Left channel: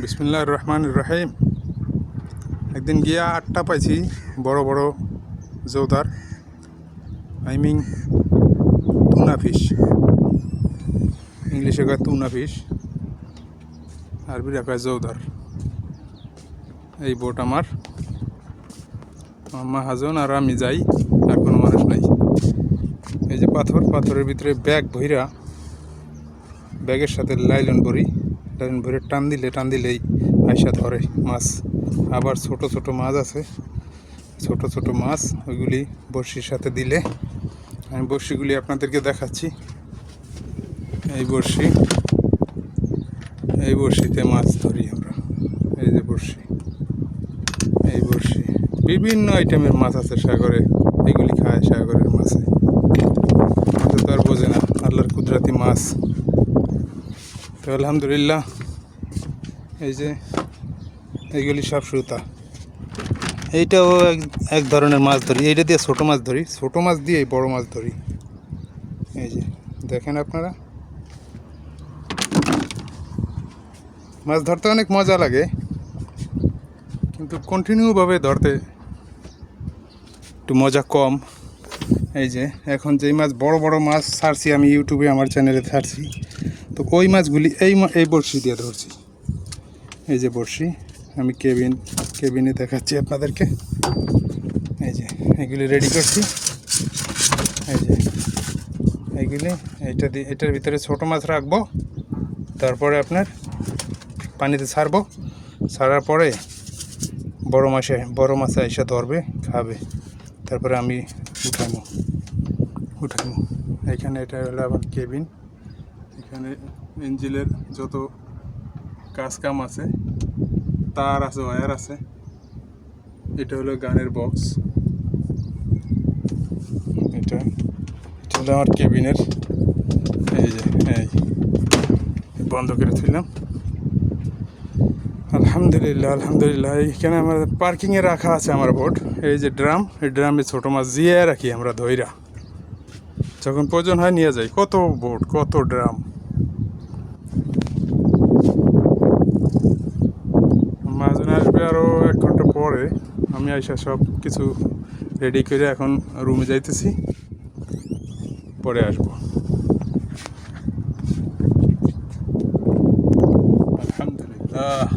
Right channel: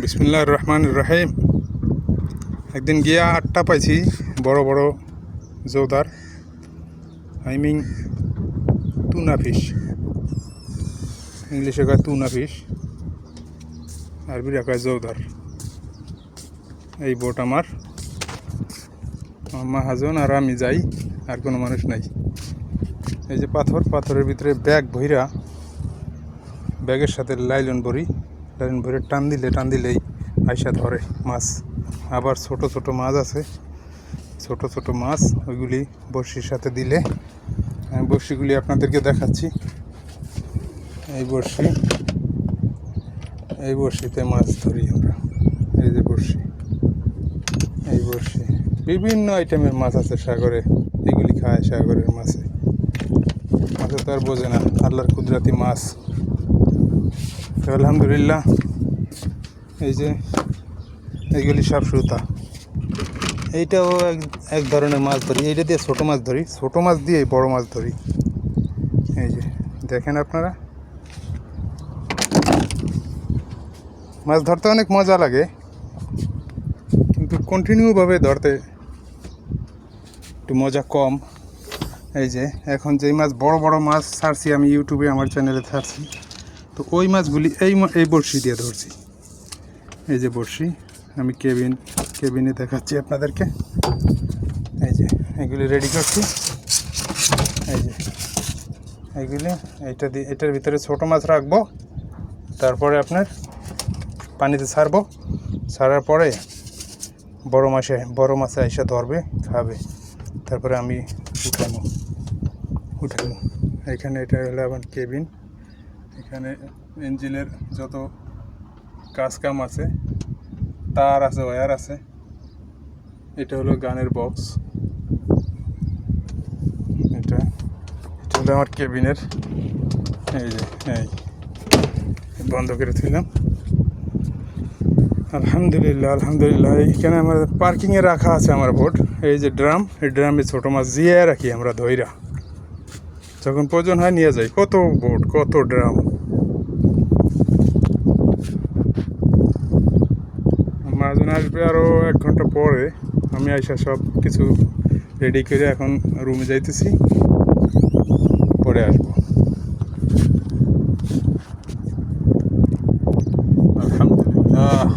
বিসমিল্লাহির রহমানির রহিম। একদিন গিয়া 8টা পাইছি বড় বড় জৌদার, আই মিন টুনা ফিশ। ইংলিশে কয় টুনা ফিশ, আরবিরা কয় জৌদার। এই বোট আমার মাহাজন আর আমি যাই, আর কোনো মানুষ নাই। এই যে পাথরের ভিতরে ব্যাগ ভইরা, ব্যাগের সাথে লাইলন ভরে টান দিলেই আইসা ধরে মাছ। আবার ছোট ছোট মাছ আছে, ছোট মাছ, ওইগুলি বড়শির সাথে দিলে, আমি বড়শিগুলি আপনাদেরকে দেখাচ্ছি। এই বড়শিতে মাছ ধরি আমরা। এই যে বড়শি, এই বড়শি বিভিন্ন আইটেমের মাছ আছে সাগরে, এগুলি খায় সাগরের মাছে। মাছে তো আর বোঝে না, আল্লাহর কুদরতি মাছ। তো আলহামদুলিল্লাহ, এই যে এইগুলি সব সুতা। এইটাও এক ধরনের মাছ ধরি, এইটা দিয়ে ছোটো মাছ ধরি, ছোটো মাছ দিয়ে বড় মাছ ধরি। এই যে দেখেন আপনারা, মাছ ধরতে অনেক মজা লাগে, কিন্তু কন্টিনিউভাবে ধরতে একটু মজা কম। এই যে এখন যেই মাছ বড় বড় মাছ ছাড়ছি আমি ইউটিউবে, আমার চ্যানেলে ছাড়ছি, তো ওই মাছগুলি এই বড়শি দিয়ে ধরছি। এই যে বড়শি, আমি কেবিনে দেখাচ্ছি আপনাদেরকে। এই যে এগুলি রেডি করছি। এই যে এইগুলি, এটার ভিতরে ছোটো মাছ রাখবো, তারপরে আপনার পানিতে ছাড়বো, ছাড়ার পরে বড় মাছে এসে ধরবে, খাবে, তারপরে আমি উঠাবো। এখানে এটা হলো আমার কেবিন। এখানে ইঞ্জিনের যত কাম আছে, তার আছে, ওয়্যার আছে। এটা হলো গানের বক্স। এটা হলো আমার কেবিনের। এই যে বন্ধ করে তুললাম। আলহামদুলিল্লাহ। এইখানে আমার পার্কিংয়ে রাখা আছে আমার বোট। এই যে ড্রাম, এই ড্রামে ছোটো মাছ জিয়ে রাখি আমরা ধইরা, যখন প্রয়োজন হয় নিয়ে যাই। কত বোট, কত ড্রাম। মাহাজন আসবে আরও 1 ঘন্টা পরে। আমি আইসা সব কিছু রেডি করে এখন রুমে যাইতেছি, পরে আসবো। আলহামদুলিল্লাহ।